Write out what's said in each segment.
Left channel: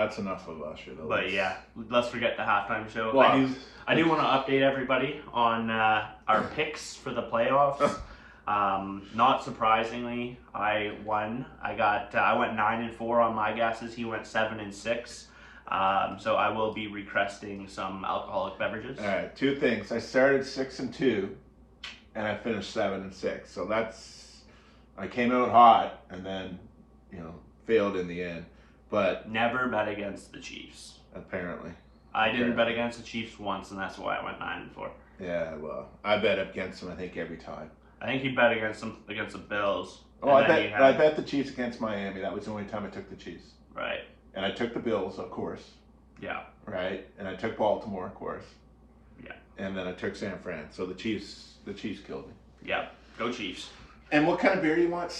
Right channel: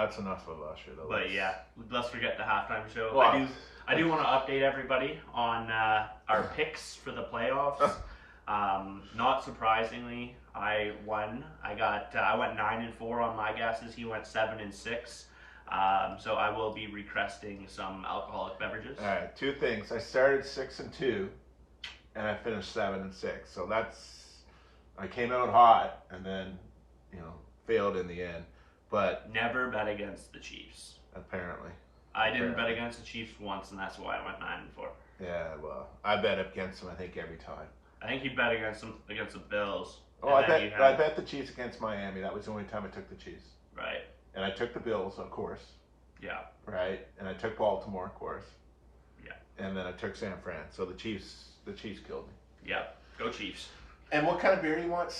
that's enough of Usher. But yeah, let's forget the halftime show. Well, I do want to update everybody on our picks for the playoffs. Not surprisingly, I won. I went 9-4 on my guesses. He went 7-6. So I will be requesting some alcoholic beverages. All right, two things. I started 6-2, and I finished 7-6. So I came out hot, and then failed in the end. But never bet against the Chiefs. Apparently, I didn't bet against the Chiefs once, and that's why I went 9-4. Yeah, well, I bet against them. I think every time. I think he bet against the Bills. Oh, I bet the Chiefs against Miami. That was the only time I took the Chiefs. Right. And I took the Bills, of course. Yeah. Right. And I took Baltimore, of course. Yeah. And then I took San Fran. So the Chiefs killed me. Yeah. Go Chiefs. And what kind of beer do you want?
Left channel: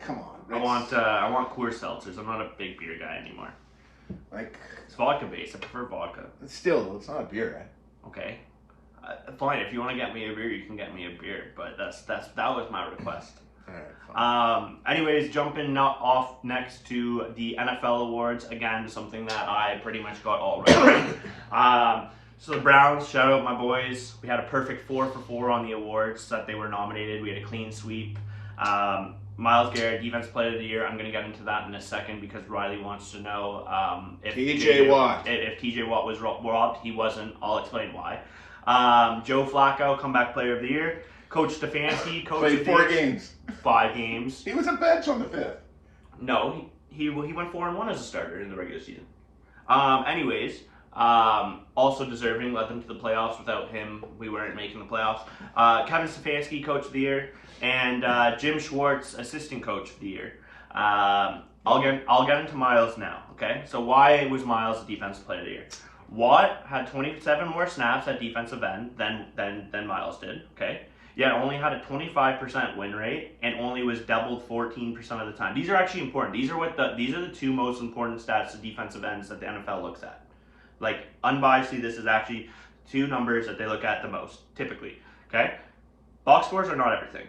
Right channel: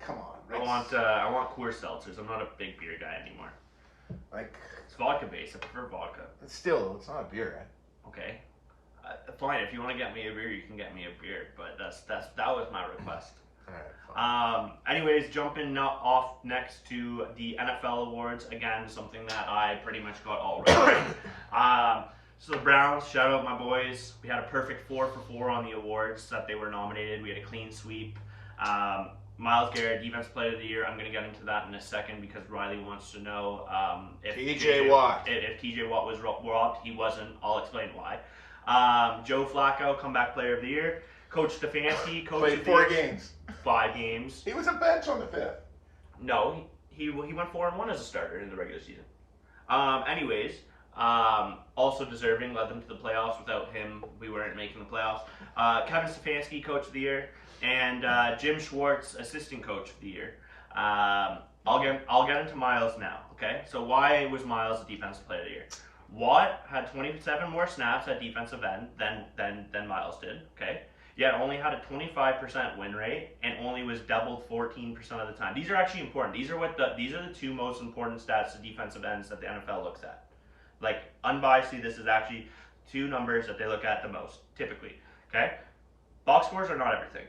Come on. I want Coors Seltzers. I'm not a big beer guy anymore. It's vodka based. I prefer vodka. It's not a beer, right? Okay. Fine. If you want to get me a beer, you can get me a beer. But that was my request. All right. Anyways, jumping off next to the NFL awards. Again, something that I pretty much got all right. So the Browns, shout out my boys. We had a perfect 4 for 4 on the awards that they were nominated. We had a clean sweep. Myles Garrett, Defensive Player of the Year. I'm going to get into that in a second because Riley wants to know if TJ Watt. If TJ Watt was robbed. He wasn't. I'll explain why. Joe Flacco, Comeback Player of the Year. Coach Stefanski, played 4 games. 5 games. He was a bench on the 5th. No, he went 4-1 as a starter in the regular season. Anyways, also deserving, led them to the playoffs. Without him, we weren't making the playoffs. Kevin Stefanski, Coach of the Year, and Jim Schwartz, Assistant Coach of the Year. I'll get into Myles now. Okay, so why was Myles the Defensive Player of the Year? Watt had 27 more snaps at defensive end than Myles did. Okay. Yet only had a 25% win rate and only was doubled 14% of the time. These are actually important. These are the 2 most important stats to defensive ends that the NFL looks at. Like, unbiasedly, this is actually 2 numbers that they look at the most, typically. Okay? Box scores are not everything.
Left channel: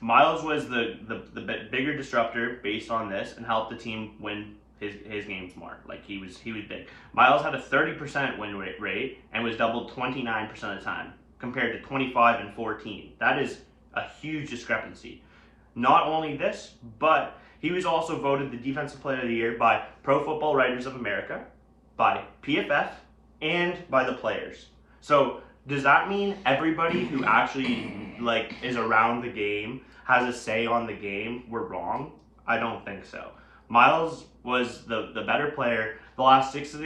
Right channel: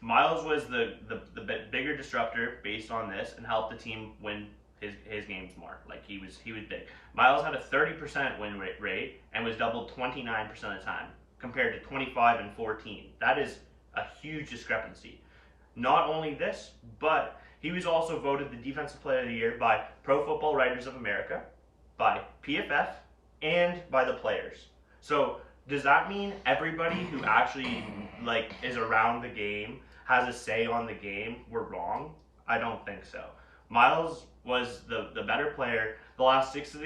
Myles was the bigger disruptor based on this and helped the team win his games more. Like, he was big. Myles had a 30% win rate and was doubled 29% of the time, compared to 25 and 14. That is a huge discrepancy. Not only this, but he was also voted the Defensive Player of the Year by Pro Football Writers of America, by PFF, and by the players. So does that mean everybody who actually is around the game, has a say on the game, were wrong? I don't think so. Myles was the better player. The last 6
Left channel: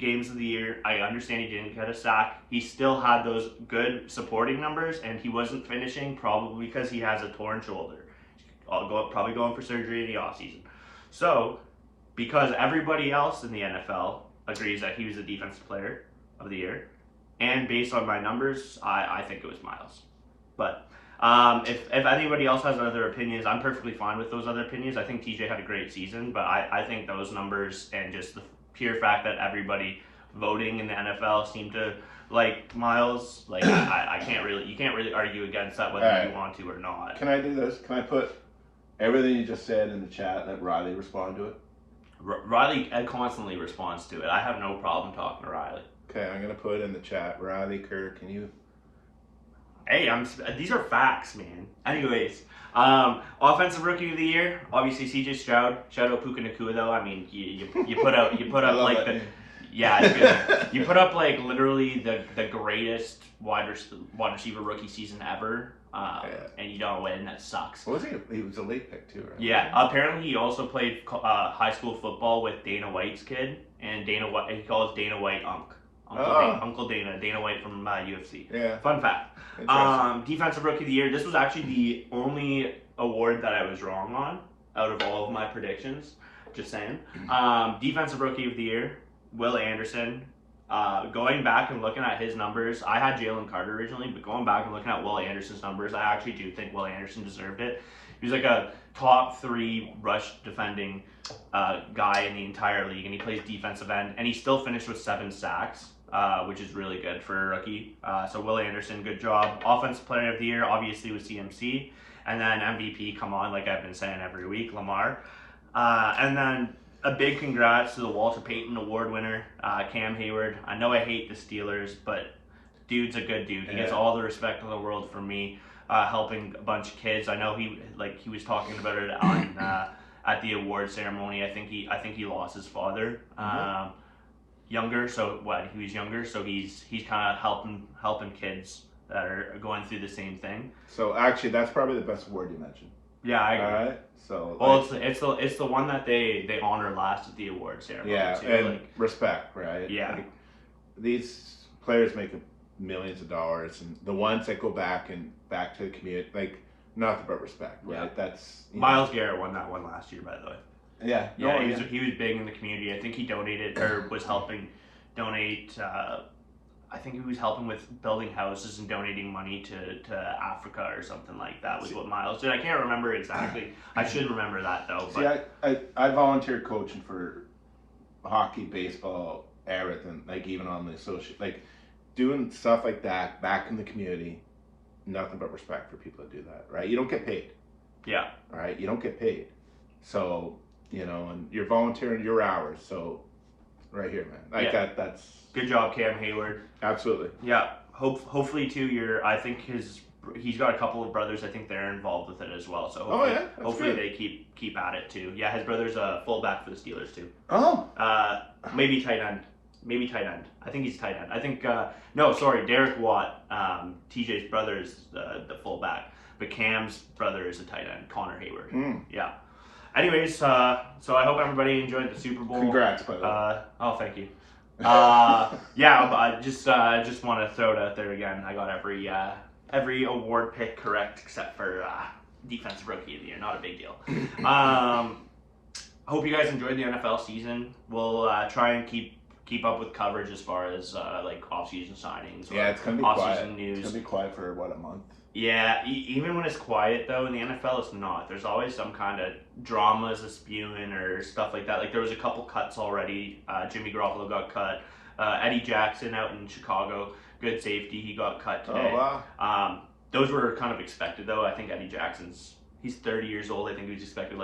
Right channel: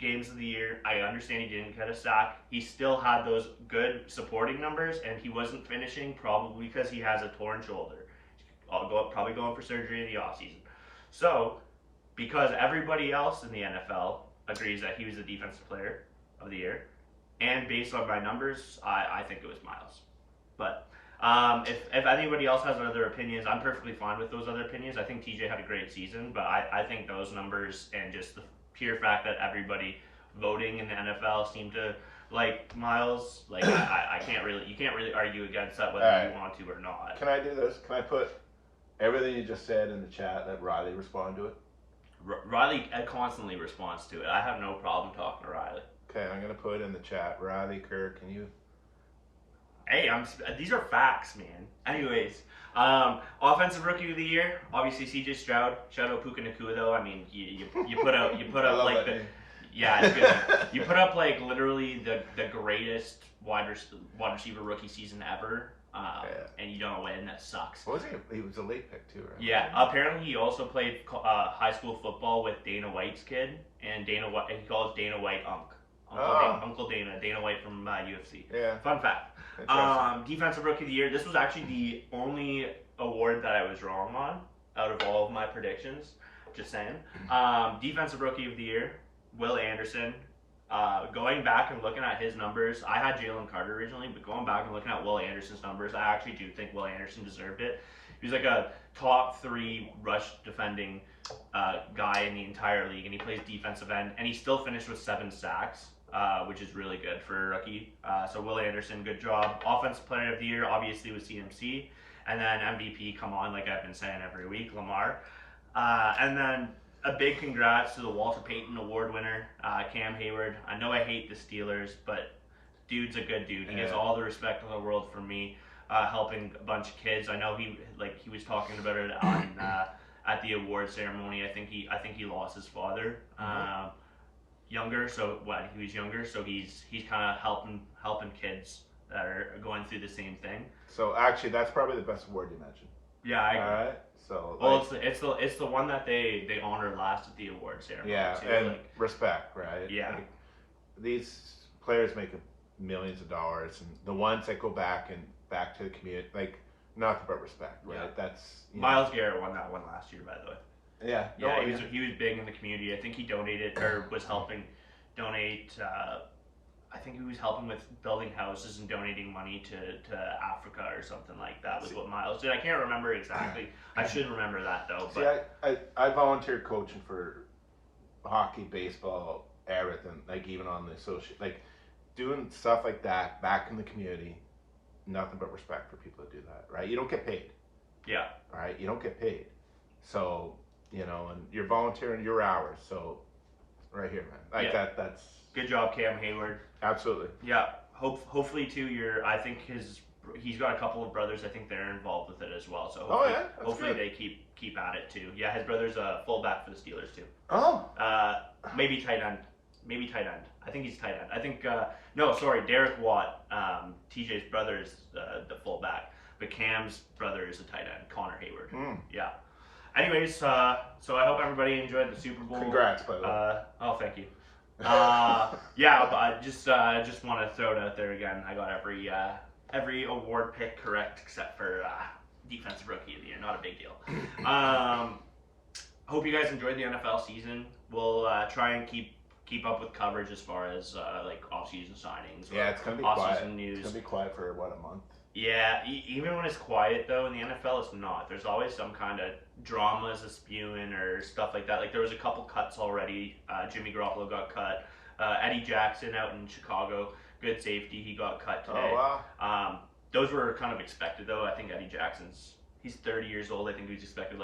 games of the year, I understand he didn't get a sack. He still had those good supporting numbers, and he wasn't finishing probably because he has a torn shoulder. Probably going for surgery in the offseason. So, because everybody else in the NFL agrees that he was the Defensive Player of the Year, and based on my numbers, I think it was Myles. But if anybody else has other opinions, I'm perfectly fine with those other opinions. I think TJ had a great season, but I think those numbers and just the pure fact that everybody voting in the NFL seemed to like Myles, you can't really argue against that whether you want to or not. Can I do this? Can I put everything you just said in the chat, let Riley respond to it? Riley constantly responds to it. I have no problem talking to Riley. Okay, I'm gonna put in the chat. Riley, Kirk, can you? Hey, these are facts, man. Anyways, Offensive Rookie of the Year, obviously CJ Stroud. Shout out Puka Nacua though. I mean, you put up you put up literally the greatest wide receiver rookie season ever. And you don't win. That sucks. What was he? He was a late pick too, right? Yeah. Apparently, he also played high school football with Dana White's kid, and he calls Dana White Uncle Dana. Dana White from UFC. Yeah. Fun fact. Defensive Rookie of the Year. This was actually the only award that I was wrong on out of all of my predictions. Just saying. Defensive Rookie of the Year, Will Anderson. Going back and looking at his numbers, I had Jalen Carter originally, but going back and looking at Will Anderson's numbers, I actually do think Will Anderson deserved it. He was like a top 3 rush defending guy in the entire league, and he plays defensive end, and he still finished with 7 sacks, which is really good for a rookie. So Will Anderson, good job. Offensive Player of the Year, obviously, with CMC, and then MVP, come on, like I've been saying every week, Lamar. And then a big congrats to the Walter Payton Award winner, Cam Hayward. I know I hate the Steelers, but dude's a good dude. He gets all the respect in the world from me, helping a bunch of kids. I know he was talking about it on at the award ceremony. I think he lost his father. Younger, so he was younger, so he's kind of helping kids that are going through the same thing. So actually, that's probably the best award you mentioned. Yeah, I agree. All right. So well, it's the one that they honor last at the award ceremony. Yeah, too. and respect, right? Yeah. Like, these players make millions of dollars, and the ones that go back to the community, like nothing but respect, right? Yeah. That's Miles Garrett won that one last year, by the way. Yeah. He was big in the community. I think he donated or was helping donate. I think he was helping with building houses and donating money to Africa or something like that. Was what Miles did. I can't remember exactly. I should remember that though. But I volunteered coaching for hockey, baseball, everything. Like even on the doing stuff like that back in the community. Nothing but respect for people that do that, right? You don't get paid. Yeah. All right, you don't get paid. So and you're volunteering your hours. So right here, man. That's good job, Cam Hayward. Absolutely. Yeah. Hopefully too. I think he's got a couple of brothers. I think they're involved with it as well. So hopefully good. they keep at it too. Yeah, his brother's a fullback for the Steelers too. Oh. Maybe tight end. I think he's tight end. I think Derek Watt, TJ's brother is the fullback, but Cam's brother is a tight end, Connor Hayward. Yeah. Anyways, so I hope everybody enjoyed the Super Bowl. Congrats, by the way. Oh, thank you. I just want to throw it out there again. I got every award pick correct except for defensive rookie of the year. Not a big deal. Hope you guys enjoyed the NFL season. We'll try and keep up with coverage as far as off-season signings. Yeah, it's gonna be quiet. News. It's gonna be quiet for a month. Yeah, even when it's quiet though in the NFL, it's not. There's always some kind of dramas spewing or stuff like that. Like there was a couple cuts already. Jimmy Garoppolo got cut. Eddie Jackson out in Chicago, good safety, he got cut today. Oh wow. Those were kind of expected though. I think Eddie Jackson's he's 30 years old. I think he was expected